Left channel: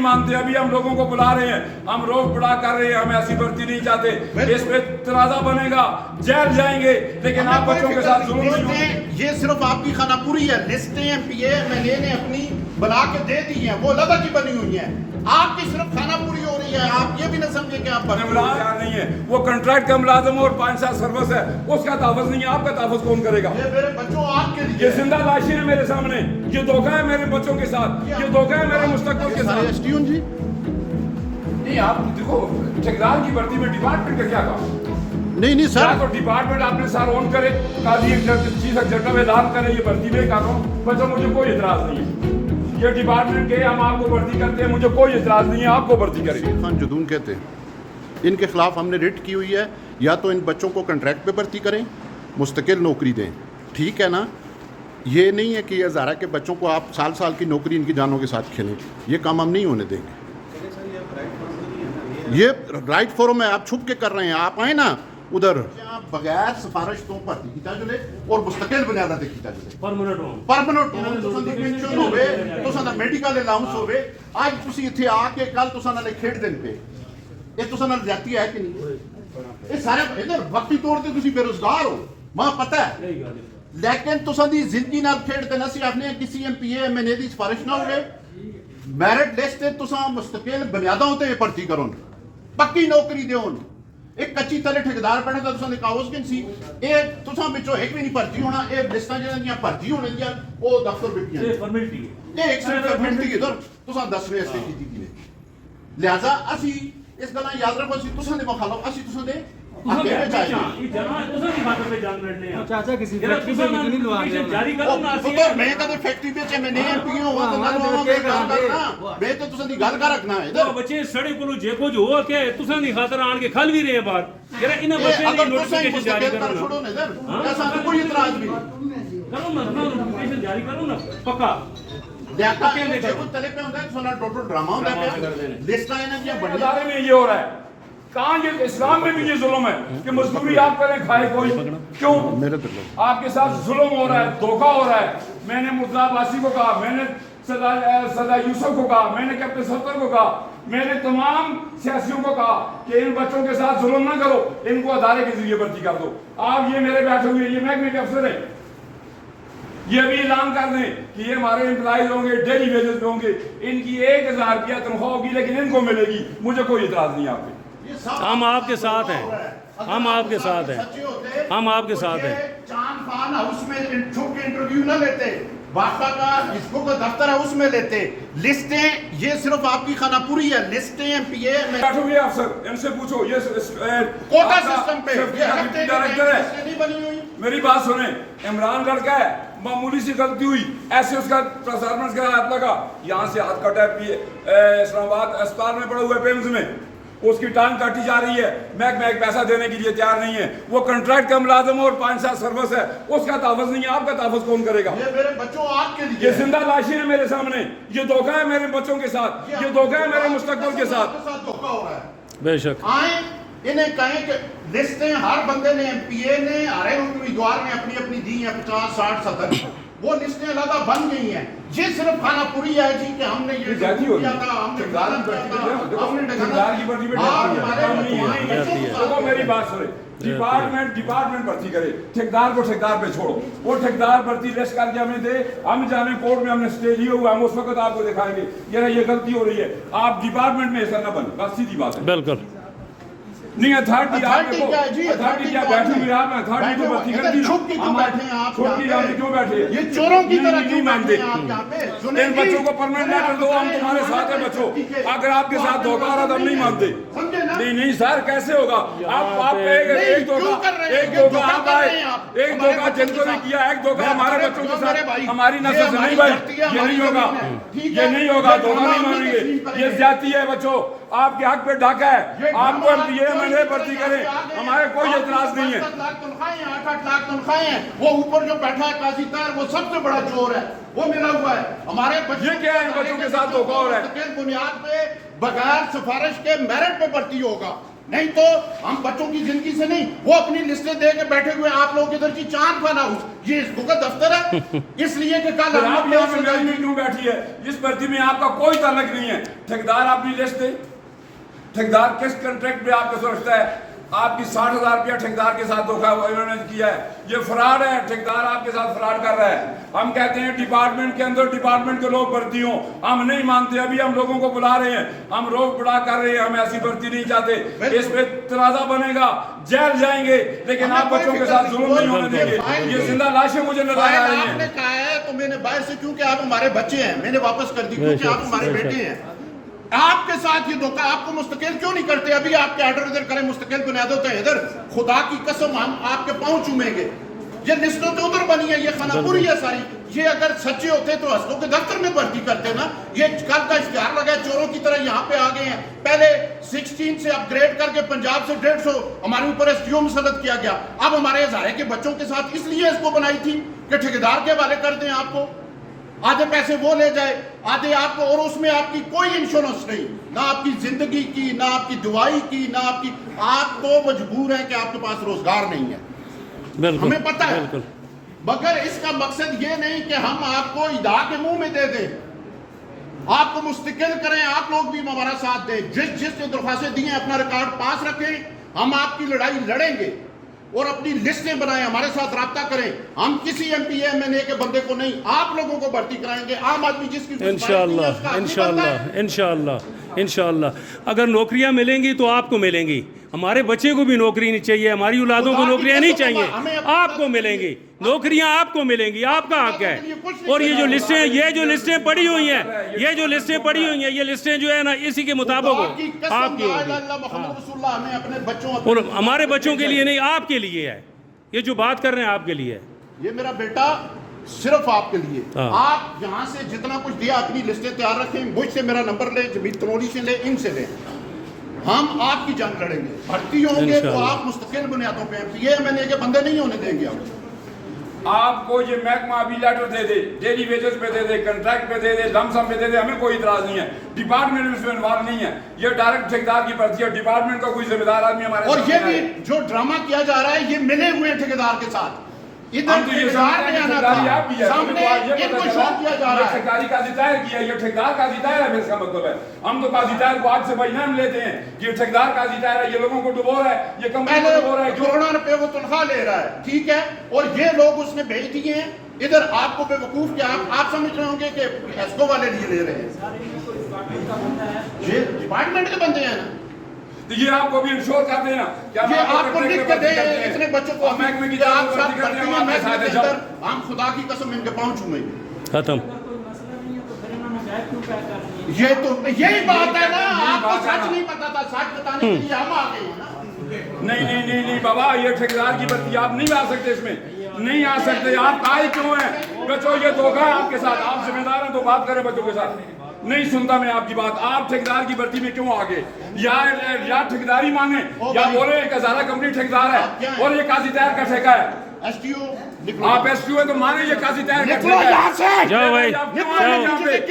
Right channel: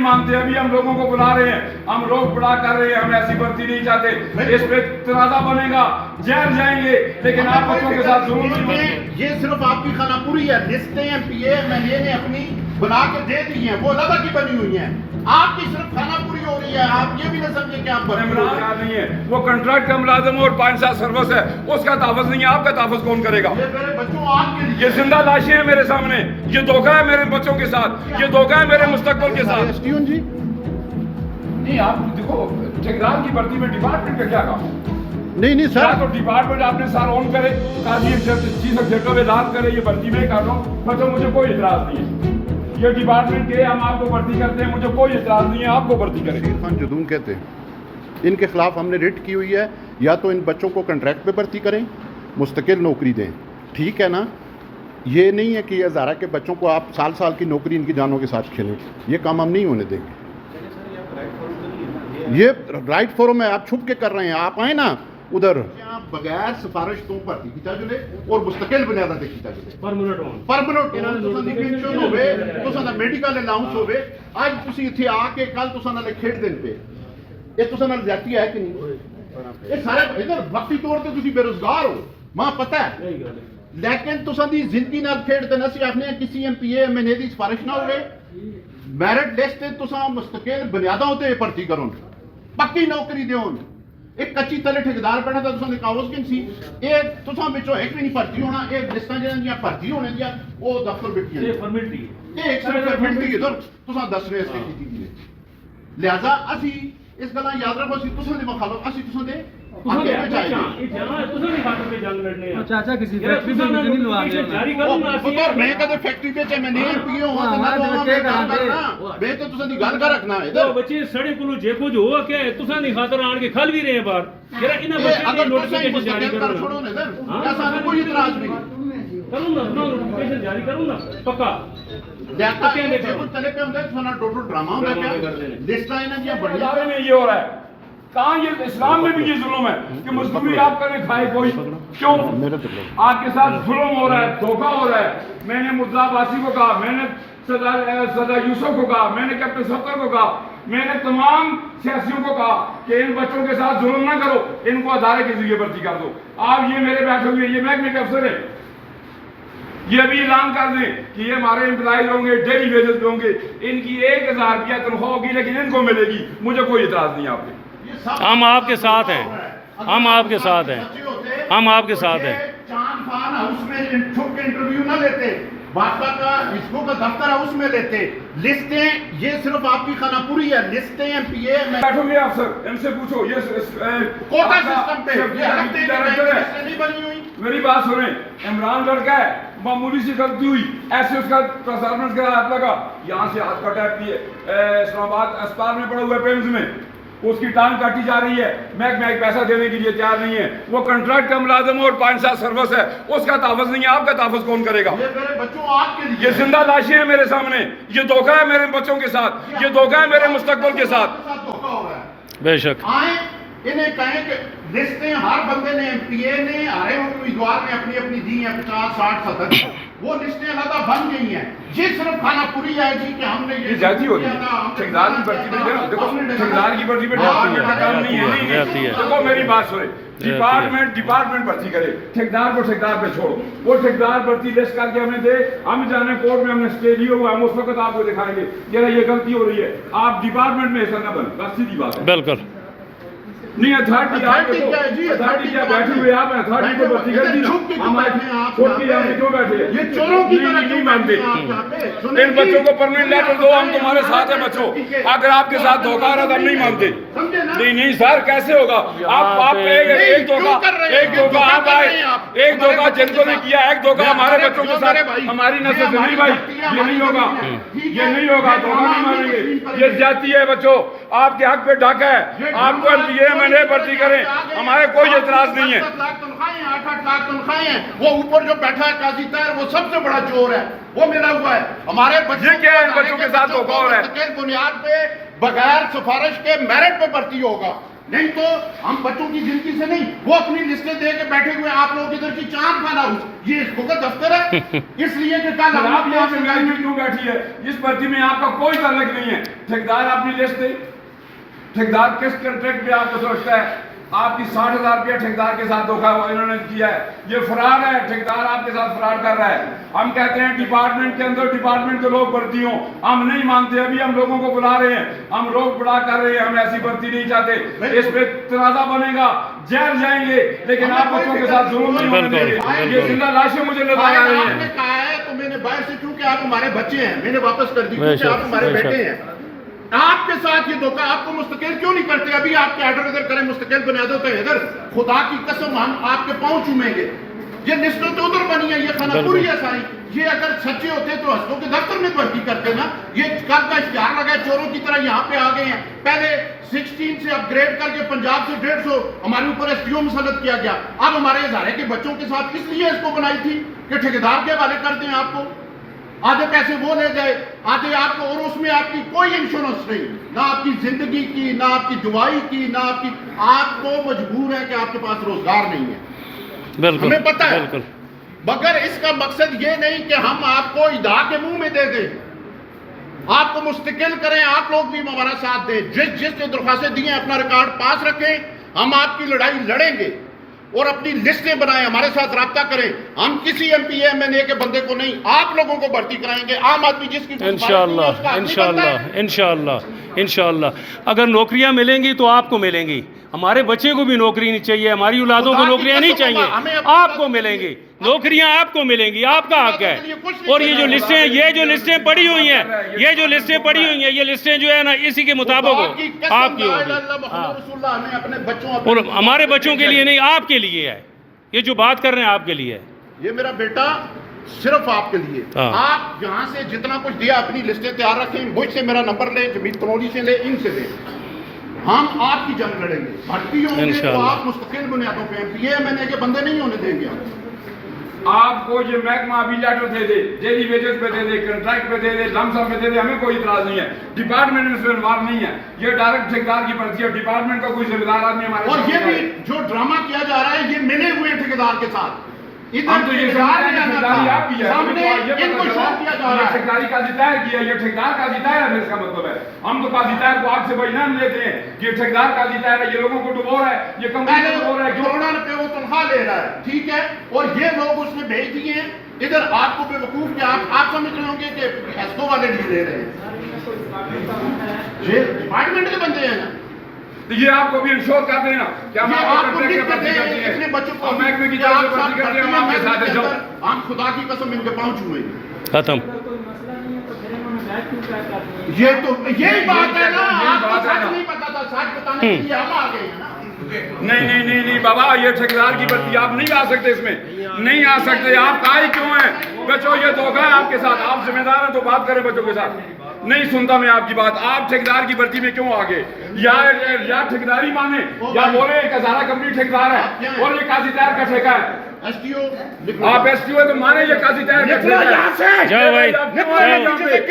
मानते अभी हम लोगों को बुला रहे हैं, हम रोक बुला कर रहे हैं, हम ऐसी भर्ती नहीं चाहते। इस पे तनाजा बनेगा, जेल जाएंगे, लेकिन आप बच्चों के साथ जरूर ये सिर्फ आपकी खानापुरी है। लिस्टें एमपीए मैंने अपनी बना के दे दी हैं, वो लगा की बनी हुई हैं। आपकी सिर्फ खानापुरी हो रही है। आप ये भी ना समझे कि आप नहीं है, वो कॉन्ट्रैक्ट का मुलाजम और 5 साल सर्विस है, उसका तहफ़्फ़ुज़ नहीं है। आपका तहफ़्फ़ुज़ कौन करेगा? ये मेरे बच्चों आपके लिए, ये जिंदा लाशें हैं मेरे सामने, ये धोखा है मेरे बच्चों के साथ, ये धोखा है मेरे मुस्तकबिल के साथ। एसटीओन जी नहीं, आप देखो ठेकेदार की भर्ती में डिपार्टमेंट का क्या काम? नहीं सर, तो डिपार्टमेंट आपने सर ऑन करे, काजी चीफ एग्जीक्यूटिव ऐलान करे ये भर्ती में कर रहा हूँ, बच्चों मुझे कोई इतराज नहीं है। ये डिपार्टमेंट के हम आपको भर्ती करते हैं, मुझे कोई इतराज नहीं है, आपको भर्ती करें। शेर खान जदूम कहते हैं, इनके खिलाफ हमने रिट की हुई है, या तो इन बच्चों को कॉन्ट्रैक्ट पे भर्ती करें, मुस्तकिल नौकरी दें, ठीक है ना। ये नहीं है कि हज़ारा के बच्चों को आप साल साल की नौकरी इनकी जानों के साथ खेलें, ये काम हम नहीं होने देंगे। ये राइट फोरम है, आप छुप के कर रहे हैं। आप आए ना उधर, बगैर सिफारिश तो भर्ती की जाए और मुस्तकिल बुनियादा ते की जाए परमानेंट तुसां दा मेडिकल अलाउंस होवे। आज तुसीं इत्थे आके कल तुसां नाल खेड दिन पे, ये तुसां नाल जाती है कि नहीं? ये सारे इधर वक्ती तौर ते तुसीं बेरोजगार हो, मां पता है, लेकिन तुसां दी जिंदगी नाल खेड देना। असीं आखने किसी एमपीए एमएनए दी सिफारिश ना होवे, मैरिट लिस्ट ते तुसां मुस्तकिल बुनियादां ते भर्ती करो, पक्की नौकरी देओ। एक कच्ची तले ठेकेदार पढ़ना था, तुसां कागज किन सी, ये तुसां विचों एक भी नहीं भर्ती होना। ये लिस्टां जिहड़ियां भर्ती होने दियां ओ दफ्तर बिटियां ये फॉर्मेलिटी है, ये एक सिर्फ फॉर्मेलिटी इधर तुसां दस रहे से कीती दी ने। लिहाजा असी इस गल्लां याद रखो, असी तुसां दे मुखालफ, असी तुसां दे आगे में चाहिए। ये जमा है, तुसां दी खातर पे जंग लड़ने आ चाचा, किसी फैक्ट्री से नहीं लवा रहे जारी करो ना। पुत्र मैं कदे फैक्ट्री पे चे मैं नहीं पीओ हो तो ना करना बे, तो तुसां दी गल कर रखना इधर। ओ बच्चे सड़े कोलो जेको जो हो के तुसां दी खातर आन के खल भी रहे बाहर, जरा इना बच्चे दी नोटिफिकेशन जारी कर छोड़ो ना इधर, ऐसा कोई इतराज नहीं करो ना, नोटिफिकेशन जारी करो ना पक्का। देखो तले पे होंदा तुसां टोटल ड्रामा होंदा क्या, लिस्टां इना दी बढ़िया में ये हो रहा है। कहाँ ये इस्लाम में भी ये जुल्म है कि मजदूरी आप करें खाए कोई, क्यों? आपके साथ जुल्म हो रहा है, धोखा हो रहा है। मैंने मुर्तज़ा अब्बासी को कहा, मैंने सदा यूसुफ को कहा, मैंने कैप्टन सत्तर को कहा, मैंने तमाम सियासियों को कहा कि इन बच्चों के साथ जुल्म ना करो, इनको अदारे के जरिए भर्ती कर दो। आप ये मेरे बैठे हुए ये महकमे के अफसर है, ये भी ऐलान कर दें कि ये हमारे एम्प्लॉय होंगे, डेली वेजेस पे होंगे, इनकी 1000 रुपया तनख्वाह होगी, लेकिन इनको मिलेगी। मुझे कोई इतराज नहीं आपके, हम आपके साथ हैं, हम आपके साथ हैं, हम आपके साथ हैं। चांद फान हाउस में छुप के इंटरव्यू ना लेते, बाका का इसको का दफ्तर है उसमें लेते। लिस्टें ये सिर्फ आपकी खानापुरी है, लिस्टें एमपीए में बैठो ये अफसर, इनसे पूछो। ये कोटा सिस्टम पे ये डायरेक्टर है, नहीं बनी हुई। मेरी बात सुने, इमरान लड़का है, मामूली सी गलती हुई, ऐसे उसका परफॉर्मेंस का हाथ लगा, यहाँ से हाथ कटा इस्लामाबाद अस्पताल में पड़ा हुआ है पेम्स में, उसकी टांग काटी जा रही है। महकमा एक पैसा देने के लिए तैयार नहीं है। वो कॉन्ट्रैक्ट का मुलाजम और 5 साल सर्विस है, उसका तहफ़्फ़ुज़ नहीं है। आपका तहफ़्फ़ुज़ कौन करेगा? ये मेरे बच्चों आपके लिए, ये जिंदा लाशें हैं मेरे सामने, ये धोखा है मेरे बच्चों के साथ, ये धोखा है मेरे मुस्तकबिल के साथ। धोखा हो रहा है। बेशक आए इन्हें कहें कि लिस्टें हर बंदे ने एमपीए ने हर उम्मीदवार ने अपनी अपनी दी हैं 50 60 70, वो लिस्टें लगा बन गई हैं। ये सिर्फ खानापुरी है जी कि हमने ये जाती हो रही है। ठेकेदार की भर्ती पे देखो, ठेकेदार की भर्ती पे जाती है। देखो मेरी बात सुने, डिपार्टमेंट भर्ती करे, ठेकेदार को ठेकेदार पे छोड़ो। वो ठेकेदार भर्ती लिस्ट करके हमें दे, हम जाने कोर्ट में हमने स्टे लिए हुआ, हम उस वक्त आपको दिखाएंगे ये गलती हो रही है। आप डिपार्टमेंट में ऐसा ना बन, बस सीधी बात है। बिल्कुल नहीं, अथॉरिटी क्या बैठी हुई, आप अथॉरिटी को भर्ती कर दी, छुप के क्यों बैठे? ये चोरों की तरह नहीं मानते। इन बच्चों को परमानेंट लेटर दो, हम तुम्हारे साथ हैं बच्चों। अगर आपके साथ धोखा आ रहा तो हम नहीं मानते। नहीं सर, कैसे होगा? आप एक धोखा आप आए, एक धोखा जिनको ने किया, एक धोखा हमारे बच्चों के साथ, हमारी नस्ल से नहीं भाई, ये नहीं होगा, ये नहीं होगा, धोखा नहीं मानेंगे। ये जाती है बच्चों, आपके हक पे डाका है, आपको ये मैंने भर्ती करें, हमारे कोई एतराज नहीं है। 7 लाख तनख्वाहें, 8 लाख तनख्वाहें, वो ऊपर जो बैठा है काजी तार, वो सबसे बड़ा चोर है, वो मिला हुआ है। हमारे बच्चे क्या है, बच्चों के साथ धोखा हो रहा है। बुनियाद पे बगैर सिफारिश के मेरिट पे भर्ती होगा। नहीं तो हम बच्चों की जिंदगी से नहीं, वो अपनी लिस्टें दे के बैठे हुए आप लोग इधर की चांद खाना ये इसको का दफ्तर है। इसलिए कि कल हम आप यहाँ से महंगी क्यों बैठी है? इस भर्ती में आपका कोई ताल्लुक नहीं है। ठेकेदार अपनी लिस्ट दे, ठेकेदार किस कॉन्ट्रैक्ट पे आपको रखता है? आपकी 60,000 रुपया ठेकेदार के साथ धोखा इन्होंने किया है, ये फ्रॉड है। ठेकेदार आपके साथ फ्रॉड कर रहा है। हम कहते हैं डिपार्टमेंट के अंदर डिपार्टमेंट के लोग भर्ती हों, हम नहीं मानते। अभी हम लोगों को बुला रहे हैं, हम रोक बुला कर रहे हैं, हम ऐसी भर्ती नहीं चाहते। इस पे तनाजा बनेगा, जेल जाएंगे, लेकिन आप बच्चों के साथ जुल्म नहीं होने देंगे। ये जिंदा लाशें मुझे नजर आ रही आपने हैं। कहा है तो मैंने बाहर से, क्योंकि आप हमारे बच्चे हैं, मैंने वापस कर दी क्योंकि आप हमारे बेटे हैं। आपके साथ ये धोखा, आपको मुस्तकिल क्यों नहीं करते? अभी आपके ऑर्डर इधर करें, मुस्तकिल बुनियादों पे इधर, खुदा की कसम हम आपके पांव चूमेंगे। ये लिस्टों तो उधर बनी है, ये खानापुरी है सारी। ये अगर सच्चे होते तो हस्कों के दफ्तर में भर्ती करते ना। ये कल का इश्तिहार लगा है, चोरों की तरह यहाँ पे आ गए हैं। पहले 16 से अपग्रेड करके पंजाब से 150 हमारे ऊपर STO मुसल्लत किया गया। अब हमारे हजारे के बच्चों के साथ इसलिए इसको बनाई थी कि ठेकेदार के हवाले कर दें आपको, आधे पैसे वो ले जाए, आधे आपको, और उसमें आपकी कोई इंश्योरेंस नहीं, ना आपकी जिंदगी की, ना आपकी दवाई की, ना आपकी। आप तो मजबूर हैं कि आपके पास रोजगार नहीं है, हमें पता है, मगर इसका मकसद ये नहीं कि हम आपको इदा के मुंह में दे दें, आपको मुस्तकिल करें। आप लोग भी हमारा साथ दें, जिसने दरख्वास्तें दी हैं अपना रिकॉर्ड पास रखें। हम आपकी लड़ाई लड़ेंगे और अपनी लिस्टें बनाएं, हमारे साथ राब्ता करें। हम किसी MP MNA के बंदे को नहीं, आप लोगों को भर्ती कराएंगे। आम आदमी जिसकी इंशाअल्लाह अगर नौकरियां मिलेंगी तो आपको मिलेंगी। हमारे बच्चे को भी नौकरी नहीं चाहिए, हमारी औलादों को नौकरियां नहीं चाहिए, आपको मिलेंगी नौकरियां, आपको मिलेंगी, आपका हक है। और ये जो लिस्टें पड़ी हुई हैं, ये लिस्टें जो है ना, इसी के मुताबिक हो आपकी होगी। और हमारे बच्चों के लिए नहीं, आपके लिए है। ये जो बात कर रहे हैं आपके लिए है। ये मेरा बेटा सिर्फ आपके लिए। आप यहाँ से जितना कुछ दिया अपनी लिस्टें तैयार रखें, मुझसे मेरा नंबर ले, जमीत तनोली से ले, इनसे ले। हम आपकी जंग लड़ेंगे, भर्ती होंगे तो आप मुस्तकिल बुनियादों पे MPA MNA के बंदे नहीं होने देंगे हम। आपको ये महकमा अभी लेटर दे दे, डेली वेजेस पे दे दे, कॉन्ट्रैक्ट पे दे दे, लमसम पे दे दे, हमें कोई इतराज नहीं है। डिपार्टमेंट में इसमें इन्वॉल्व नहीं है, ये डायरेक्ट ठेकेदार की भर्ती है। डिपार्टमेंट का कोई जिम्मेदार आदमी हमारे और ये भी जो ड्रामा किया जा रहा है, ये मिले हुए ठेकेदार के साथ। इधर ठेकेदार ने आना था, सामने इनको शो किया जा रहा है। ठेकेदारी का जितायर किया, ये ठेकेदार का जितायर है, इसका मतलब है। हम तो का जितायर को आग से बजनान लेते हैं, ये ठेकेदार का जितायर है, ये लोगों को डुबो रहा है, ये कंपनी को डुबो रहा है। करोड़ों रुपए वो तनख्वाह ले रहा है, ठीक है, और ये लोग उसने भेज दिए हैं इधर। आपको बेवकूफ क्या, आप समझ रहे होंगे कि हेस्को वाले नहीं ले रहे हैं, ये डिपार्टमेंट के बंदे हैं ना। तो ये आपको भी इंश्योर कर देना कि हम आपको लिख के दें इतने बच्चों को, महकमे की तरफ से भर्ती करते हैं, हम आपके साथ हैं। हम खुदा की कसम इनके पांव छूएंगे। खत्म। ये तो यही बात है ना, आपको सच नहीं पता था, सच बताने के लिए हम आ गए हैं ना। नहीं बाबा, ये ठेकेदार की भर्ती आप नहीं आ सकते, इसमें नहीं आ सकते। आप काहे क्यों हैं? बच्चों ये धोखा है आपके साथ, आप जिम्मेदार हैं तो बात करें बच्चों के साथ। नहीं सुनता मैं आपकी बात। आप ठेकेदार की भर्ती में क्यों आगे? या ठेकेदारी मांगे या बोले एक हजारा कंपनी ठेकेदार है और ये काजी तैयार का ठेका है। STO आप STO तो माने ये काजी तैयार का ठेका है। जाओ भाई,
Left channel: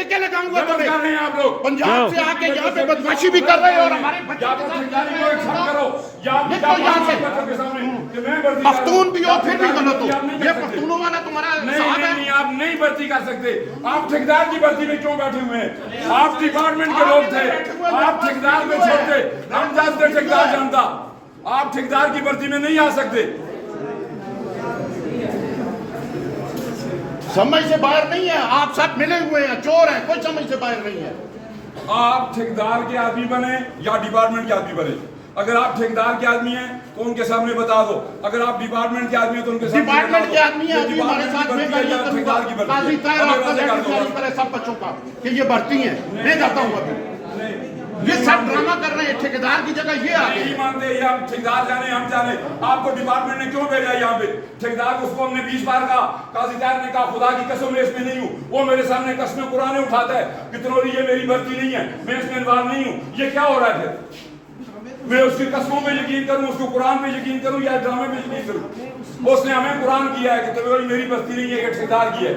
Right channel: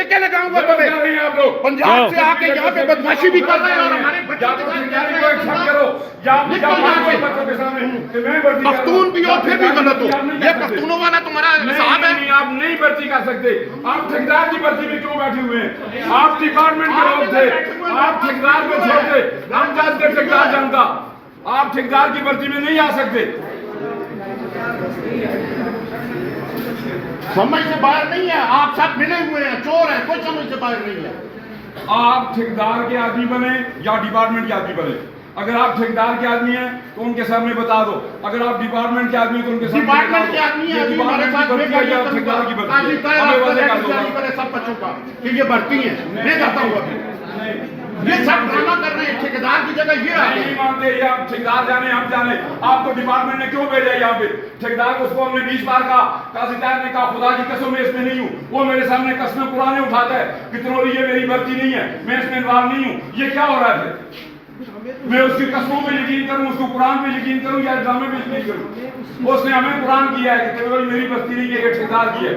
क्या लगाऊंगा तुम्हें? आप लोग पंजाब से आके यहाँ पे बदमाशी भी कर रहे हैं और हमारे या तो ठेकेदारी को एक्सेप्ट करो या बच्चों के सामने कि मैं भर्ती पख्तून भी हो फिर भी गलत हो। ये पख्तूनों वाला तुम्हारा साहब है। नहीं, आप नहीं भर्ती कर सकते। आप ठेकेदार की भर्ती में क्यों बैठे हुए हैं? आप डिपार्टमेंट के लोग थे, आप ठेकेदार को छोड़ते, हम जानते ठेकेदार जानता। आप ठेकेदार की भर्ती में नहीं आ सकते। समझ से बाहर नहीं है, आप सब मिले हुए हैं, चोर हैं, कोई समझ से बाहर नहीं है। आप ठेकेदार के आदमी बने या डिपार्टमेंट के आदमी बने। अगर आप ठेकेदार के आदमी हैं तो उनके सामने बता दो, अगर आप डिपार्टमेंट के आदमी हैं तो उनके सामने डिपार्टमेंट के आदमी हैं, अभी हमारे साथ ठेकेदार की भर्ती करे सब बच्चों का कि ये भर्ती है, मैं जाता हूँ अभी। ये सब ड्रामा कर रहे हैं, ठेकेदार की जगह ये आगे नहीं मानते। ये आप ठेकेदार जाने हम जाने, आपको डिपार्टमेंट ने क्यों भेजा यहाँ पे? ठेकेदार को उसको हमने 20 बार कहा, काजीदार ने कहा खुदा की कसम मैं इसमें नहीं हूँ। वो मेरे सामने कसमें कुराने उठाता है कि तनोरी ये मेरी भर्ती नहीं है, मैं इसमें इन्वॉल्व नहीं हूँ। ये क्या हो रहा है? मैं उसकी कसमों पे यकीन करूँ, उसको कुरान पे यकीन करूँ या ड्रामे पे यकीन करूँ? उसने हमें कुरान किया है कि तनोरी मेरी भर्ती नहीं है, ये ठेकेदार की है।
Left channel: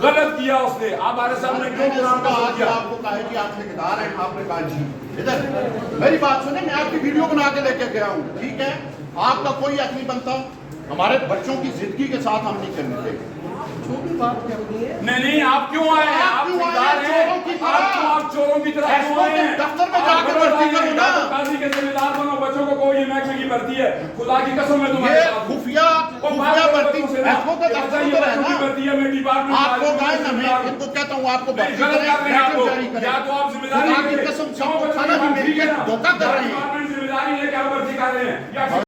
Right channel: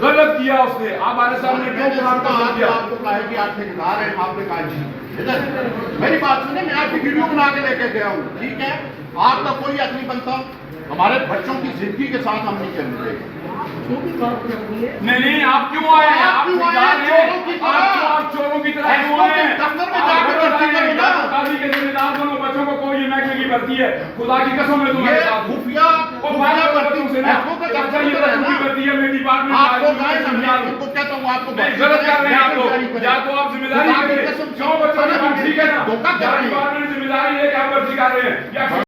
गलत किया उसने। आप हमारे सामने क्यों कुरान का आज किया? आपको कहा है कि आप ठेकेदार हैं, आपने कहा जी। इधर मेरी बात सुने, मैं आपकी वीडियो बना के लेके गया हूँ, ठीक है? आपका कोई हक नहीं बनता, हमारे बच्चों की जिंदगी के साथ हम नहीं खेलने देंगे। नहीं, आप क्यों आए हैं? आप ठेकेदार हैं, आप चोरों की तरह क्यों आए हैं? दफ्तर में जाकर भर्ती करो ना। काजी के जिम्मेदार बनो, बच्चों को कोई महकमे की भर्ती है, खुदा की कसम है तुम्हारे ये साथ। खुफिया वो बात भर्ती से ना, आपको का बच्चा दफ्तर ये है बच्चों की ना, भर्ती है, मैं डिपार्टमेंट आपको गाय ना, मैं उनको कहता हूँ आपको नहीं, गलत कर रहे हैं आप लोग। या तो आप जिम्मेदारी खुदा की करें, कसम, क्यों बच्चों की भर्ती ठीक है, करना? धोखा कर रहे हैं। डिपार्टमेंट जिम्मेदारी है कि आप भर्ती कर रहे हैं या